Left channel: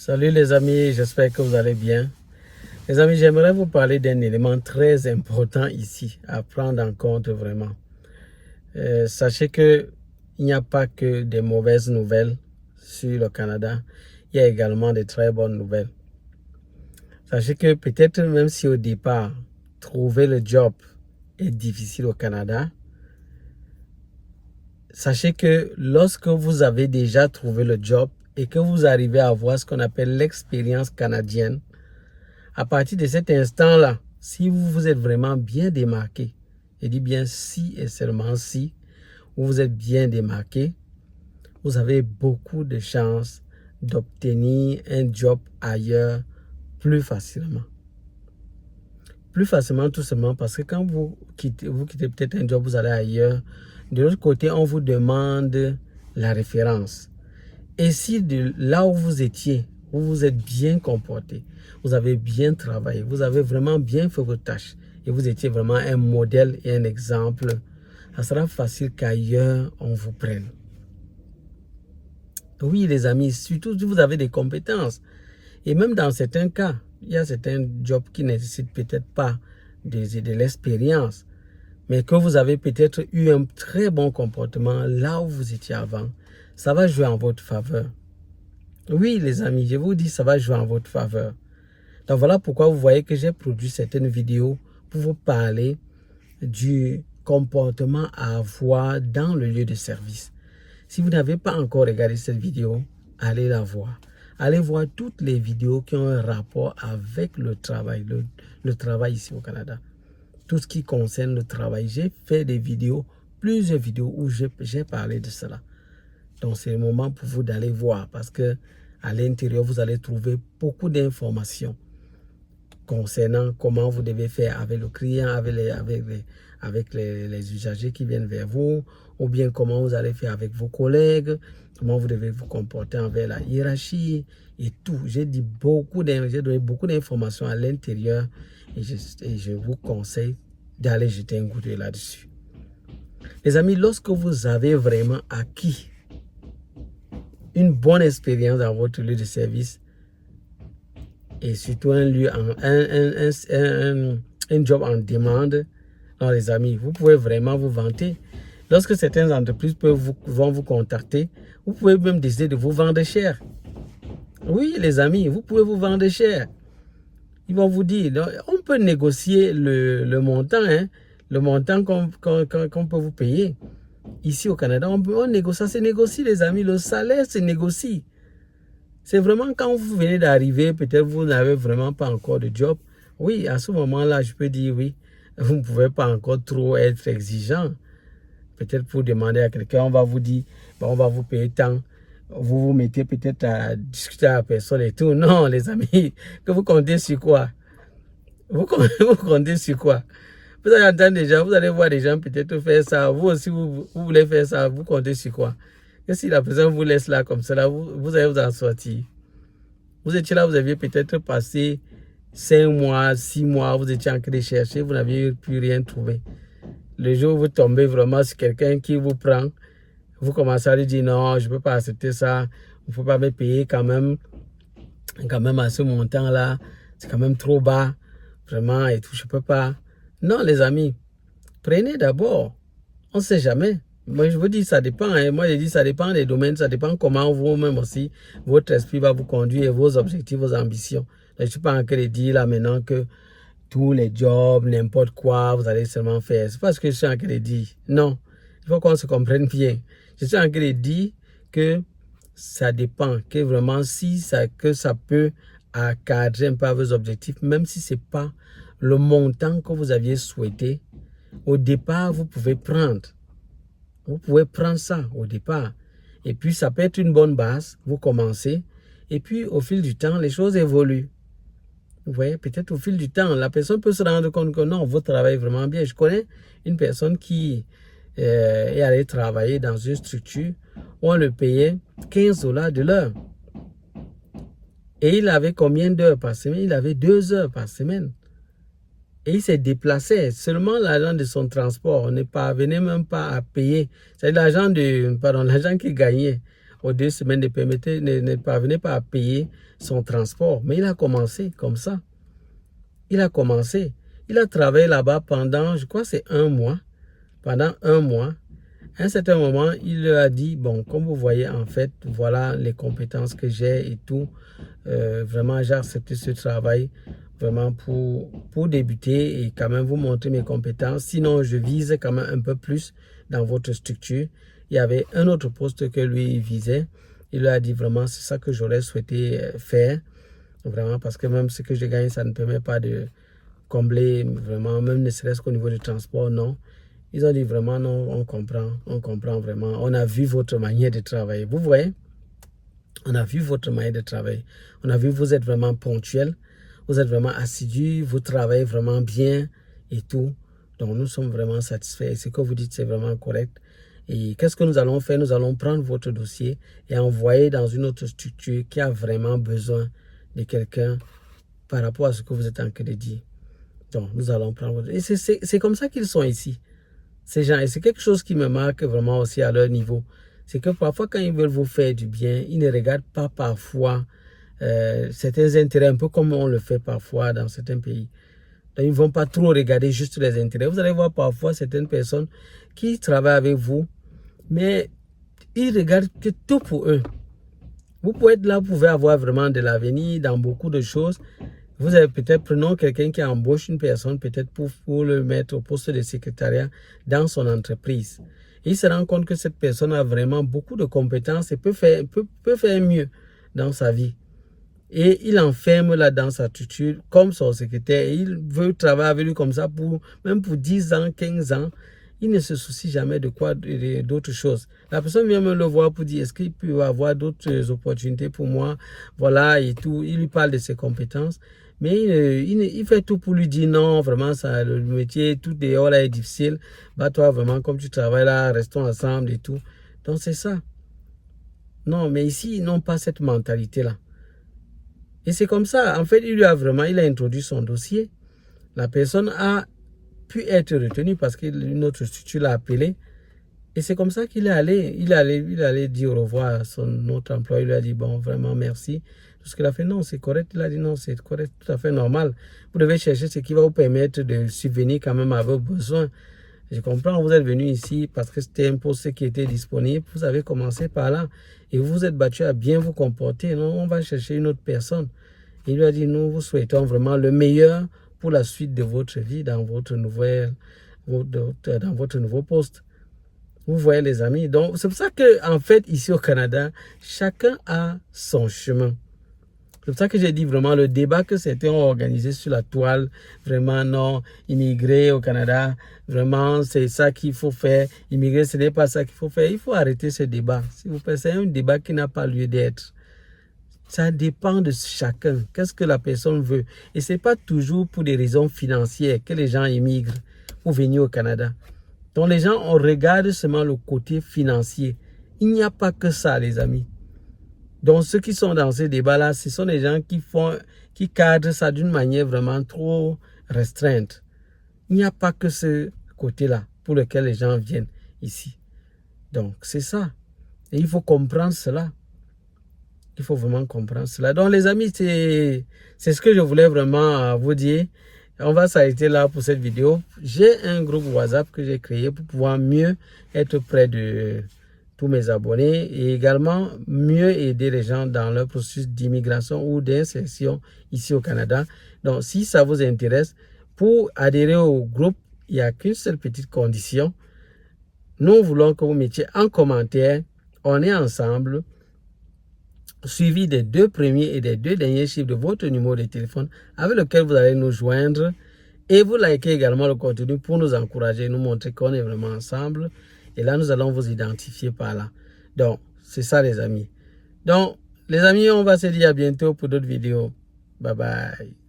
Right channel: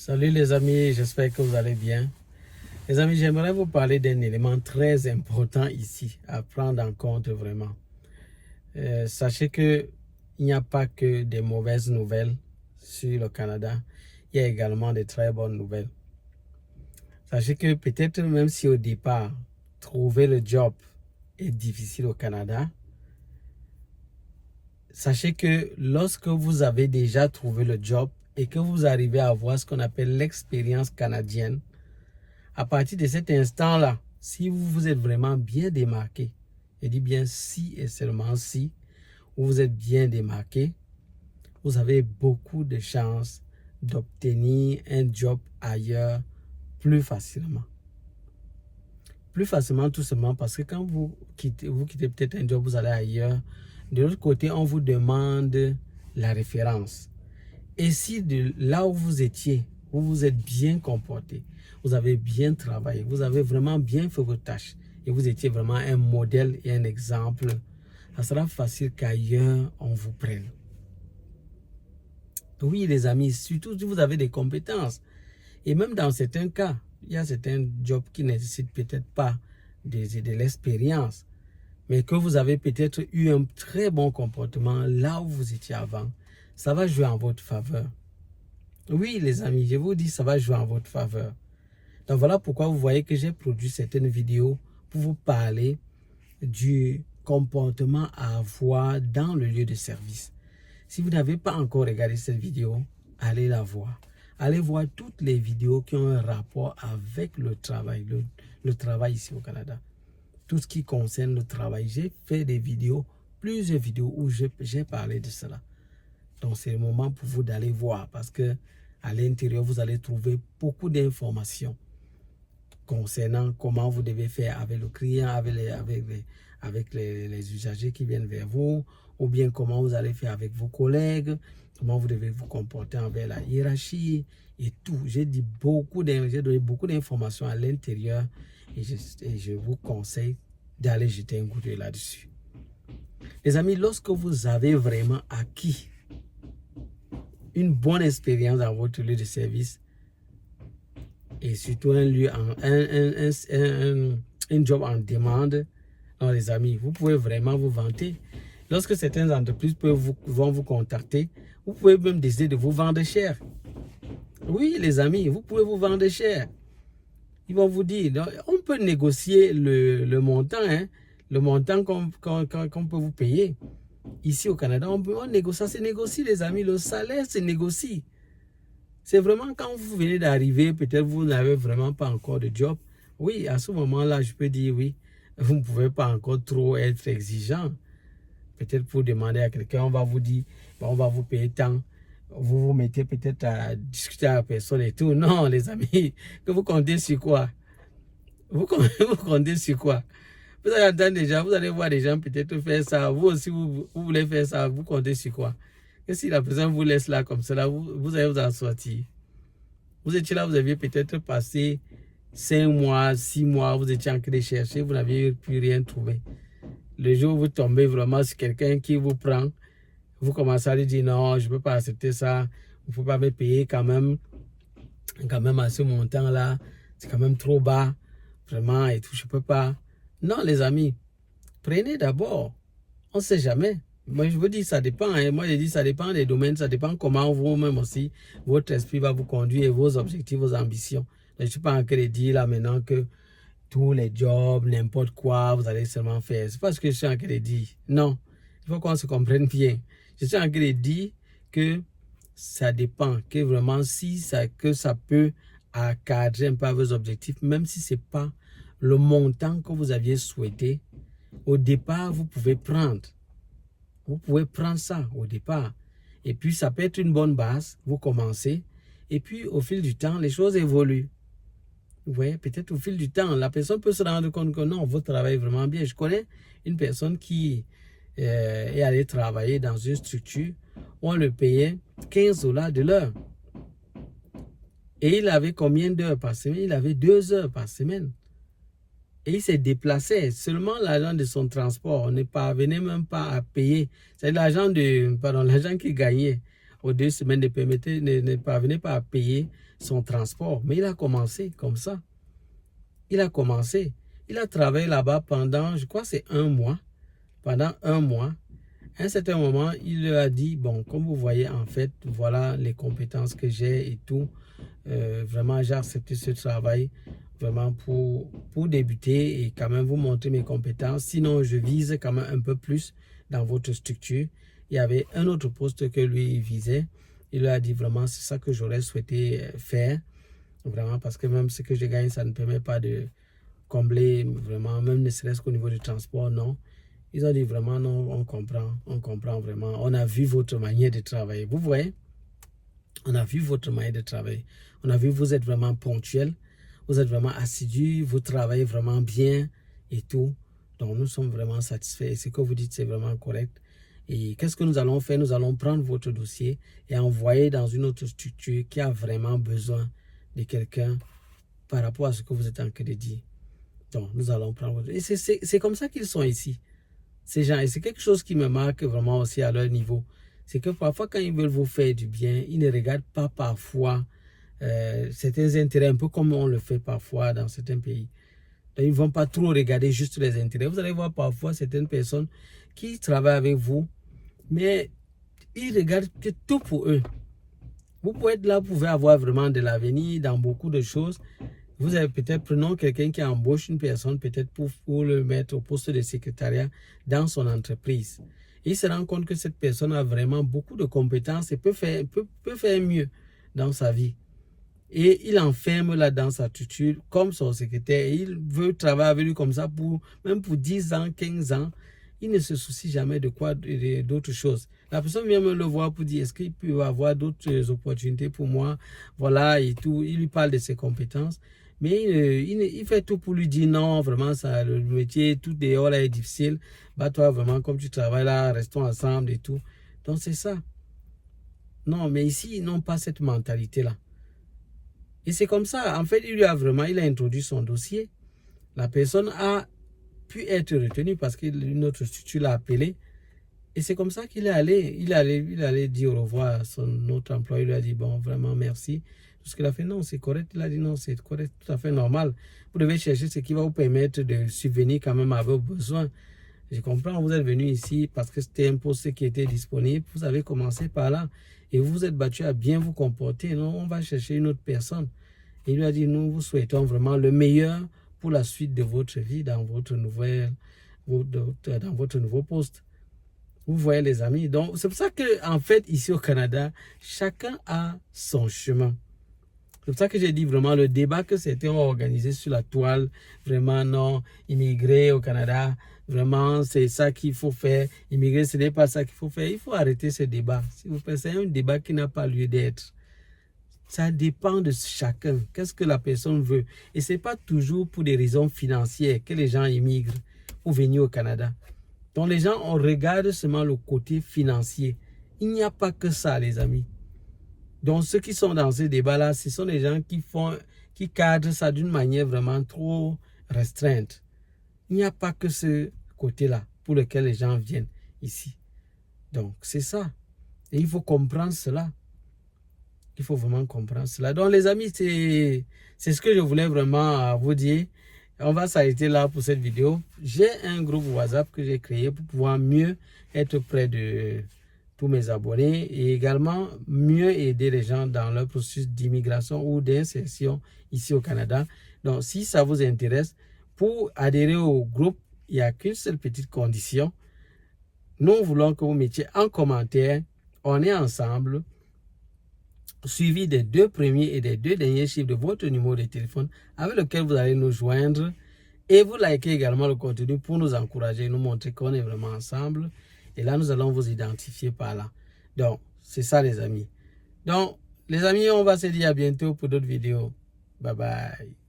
Salut les amis, j'espère que vous allez bien. Les amis, j'aimerais vous parler d'un élément très important ici, à prendre en compte vraiment. Sachez qu'il n'y a pas que des mauvaises nouvelles sur le Canada, il y a également de très bonnes nouvelles. Sachez que peut-être même si au départ, trouver le job est difficile au Canada, sachez que lorsque vous avez déjà trouvé le job et que vous arrivez à avoir ce qu'on appelle l'expérience canadienne, à partir de cet instant-là, si vous vous êtes vraiment bien démarqué, je dis bien si et seulement si, vous êtes bien démarqué, vous avez beaucoup de chances d'obtenir un job ailleurs plus facilement. Plus facilement tout simplement parce que quand vous quittez peut-être un job, vous allez ailleurs. De l'autre côté, on vous demande la référence. Et si de là où vous étiez, vous vous êtes bien comporté, vous avez bien travaillé, vous avez vraiment bien fait vos tâches et vous étiez vraiment un modèle et un exemple, ça sera facile qu'ailleurs on vous prenne. Oui les amis, surtout si vous avez des compétences. Et même dans certains cas, il y a certains jobs qui ne nécessitent peut-être pas de l'expérience, mais que vous avez peut-être eu un très bon comportement là où vous étiez avant, ça va jouer en votre faveur. Oui, les amis, je vous dis, ça va jouer en votre faveur. Donc voilà pourquoi vous voyez que j'ai produit certaines vidéos pour vous parler du comportement à avoir dans le lieu de service. Si vous n'avez pas encore regardé cette vidéo, allez la voir. Allez voir toutes les vidéos qui ont un rapport avec le travail ici au Canada. Tout ce qui concerne le travail. J'ai fait des vidéos, plusieurs vidéos où j'ai parlé de cela. Donc c'est le moment pour vous d'aller voir parce que à l'intérieur, vous allez trouver beaucoup d'informations concernant comment vous devez faire avec le client, avec les usagers qui viennent vers vous, ou bien comment vous allez faire avec vos collègues, comment vous devez vous comporter envers la hiérarchie et tout. J'ai donné beaucoup d'informations à l'intérieur et je vous conseille d'aller jeter un coup d'œil là-dessus. Les amis, lorsque vous avez vraiment acquis une bonne expérience dans votre lieu de service et surtout un job en demande, alors les amis, vous pouvez vraiment vous vanter. Lorsque certaines entreprises vont vous contacter, vous pouvez même décider de vous vendre cher. Oui, les amis, vous pouvez vous vendre cher. Ils vont vous dire, donc, on peut négocier le montant, hein, le montant qu'on peut vous payer. Ici au Canada, on négocie, ça se négocie les amis, le salaire se négocie. C'est vraiment quand vous venez d'arriver, peut-être vous n'avez vraiment pas encore de job. Oui, à ce moment-là, je peux dire oui, vous ne pouvez pas encore trop être exigeant. Peut-être pour demander à quelqu'un, on va vous dire, bon, on va vous payer tant. Vous vous mettez peut-être à discuter à la personne et tout. Non, les amis, que vous comptez sur quoi? Vous comptez sur quoi? Vous allez entendre des gens, vous allez voir des gens peut-être faire ça. Vous aussi, vous voulez faire ça, vous comptez sur quoi? Que si la personne vous laisse là comme ça, vous allez vous en sortir. Vous étiez là, vous aviez peut-être passé 5 mois, 6 mois, vous étiez en train de chercher, vous n'aviez plus rien trouvé. Le jour où vous tombez vraiment sur quelqu'un qui vous prend, vous commencez à lui dire non, je ne peux pas accepter ça, il ne faut pas me payer quand même à ce montant-là, c'est quand même trop bas, vraiment, et tout, je ne peux pas. Non, les amis, prenez d'abord, on ne sait jamais. Moi, je vous dis, ça dépend. Hein. Moi, je dis, ça dépend des domaines, ça dépend comment vous-même aussi, votre esprit va vous conduire et vos objectifs, vos ambitions. Donc, je ne suis pas en train de dire là maintenant que tous les jobs, n'importe quoi, vous allez seulement faire. C'est pas ce que je suis en train de dire. Non, il faut qu'on se comprenne bien. Je suis en train de dire que ça dépend, que vraiment que ça peut accadrer un peu vos objectifs, même si ce n'est pas le montant que vous aviez souhaité. Au départ, vous pouvez prendre. Vous pouvez prendre ça au départ. Et puis, ça peut être une bonne base. Vous commencez. Et puis, au fil du temps, les choses évoluent. Vous voyez, peut-être au fil du temps, la personne peut se rendre compte que non, vous travaillez vraiment bien. Je connais une personne qui est allée travailler dans une structure où on le payait 15 $ de l'heure. Et il avait combien d'heures par semaine? Il avait 2 heures par semaine. Et il s'est déplacé. Seulement l'argent de son transport, on ne parvenait même pas à payer. C'est l'argent qu'il gagnait. aux 2 semaines ne parvenait pas à payer son transport. Mais il a commencé comme ça. Il a commencé. Il a travaillé là-bas pendant, je crois c'est 1 mois. Pendant 1 mois. À un certain moment, il leur a dit, bon, comme vous voyez, en fait, voilà les compétences que j'ai et tout. Vraiment, j'ai accepté ce travail vraiment pour débuter et quand même vous montrer mes compétences. Sinon, je vise quand même un peu plus dans votre structure. Il y avait un autre poste que lui visait. Il lui a dit vraiment, c'est ça que j'aurais souhaité faire. Vraiment, parce que même ce que je gagne, ça ne permet pas de combler vraiment, même ne serait-ce qu'au niveau du transport, non. Ils ont dit vraiment, non, on comprend vraiment. On a vu votre manière de travailler. Vous voyez, on a vu votre manière de travailler. On a vu, vous êtes vraiment ponctuel. Vous êtes vraiment assidu. Vous travaillez vraiment bien et tout. Donc, nous sommes vraiment satisfaits. Ce que vous dites, c'est vraiment correct. Et qu'est-ce que nous allons faire? Nous allons prendre votre dossier et envoyer dans une autre structure qui a vraiment besoin de quelqu'un par rapport à ce que vous êtes en train de dire. Donc, nous allons prendre votre... Et c'est comme ça qu'ils sont ici. Ces gens, et c'est quelque chose qui me marque vraiment aussi à leur niveau. C'est que parfois, quand ils veulent vous faire du bien, ils ne regardent pas parfois certains intérêts, un peu comme on le fait parfois dans certains pays. Donc, ils ne vont pas trop regarder juste les intérêts. Vous allez voir parfois certaines personnes qui travaillent avec vous, mais ils regardent que tout pour eux. Vous pouvez être là, vous pouvez avoir vraiment de l'avenir dans beaucoup de choses. Vous avez peut-être, prenons quelqu'un qui embauche une personne, peut-être pour le mettre au poste de secrétariat dans son entreprise. Il se rend compte que cette personne a vraiment beaucoup de compétences et peut faire mieux dans sa vie. Et il enferme là dans sa structure comme son secrétaire. Et il veut travailler avec lui comme ça, même pour 10 ans, 15 ans. Il ne se soucie jamais de quoi, d'autres choses. La personne vient me le voir pour dire, est-ce qu'il peut avoir d'autres opportunités pour moi? Voilà, et tout. Il lui parle de ses compétences. Mais il fait tout pour lui dire non, vraiment, ça, le métier, tout dehors là est difficile. Bah, toi, vraiment, comme tu travailles là, restons ensemble et tout. Donc, c'est ça. Non, mais ici, ils n'ont pas cette mentalité-là. Et c'est comme ça. En fait, il a introduit son dossier. La personne a pu être retenue parce qu'une autre structure l'a appelé. Et c'est comme ça qu'il est allé. Il allait dire au revoir à son autre employé. Il lui a dit, bon, vraiment, merci. Tout ce qu'il a fait, non, c'est correct. Il a dit, non, c'est correct, tout à fait normal. Vous devez chercher ce qui va vous permettre de subvenir quand même à vos besoins. Je comprends, vous êtes venu ici parce que c'était un poste qui était disponible. Vous avez commencé par là. Et vous vous êtes battu à bien vous comporter. Non, on va chercher une autre personne. Il lui a dit, nous vous souhaitons vraiment le meilleur pour la suite de votre vie dans votre nouveau poste. Vous voyez les amis. Donc c'est pour ça que en fait ici au Canada, chacun a son chemin. C'est pour ça que j'ai dit vraiment le débat que certains ont organisé sur la toile, vraiment non, immigrer au Canada, vraiment c'est ça qu'il faut faire, immigrer ce n'est pas ça qu'il faut faire. Il faut arrêter ce débat. S'il vous plaît, c'est un débat qui n'a pas lieu d'être. Ça dépend de chacun. Qu'est-ce que la personne veut? Et ce n'est pas toujours pour des raisons financières que les gens immigrent ou venir au Canada. Donc les gens, on regarde seulement le côté financier. Il n'y a pas que ça, les amis. Donc ceux qui sont dans ce débat-là, ce sont des gens qui cadrent ça d'une manière vraiment trop restreinte. Il n'y a pas que ce côté-là pour lequel les gens viennent ici. Donc c'est ça. Et il faut comprendre cela. Il faut vraiment comprendre cela. Donc les amis, c'est ce que je voulais vraiment vous dire. On va s'arrêter là pour cette vidéo. J'ai un groupe WhatsApp que j'ai créé pour pouvoir mieux être près de tous mes abonnés et également mieux aider les gens dans leur processus d'immigration ou d'insertion ici au Canada. Donc si ça vous intéresse, pour adhérer au groupe, il n'y a qu'une seule petite condition. Nous voulons que vous mettiez en commentaire, on est ensemble, suivi des 2 premiers et des 2 derniers chiffres de votre numéro de téléphone avec lequel vous allez nous joindre, et vous likez également le contenu pour nous encourager, nous montrer qu'on est vraiment ensemble, et là nous allons vous identifier par là. Donc c'est ça les amis. Donc les amis, on va se dire à bientôt pour d'autres vidéos. Bye bye.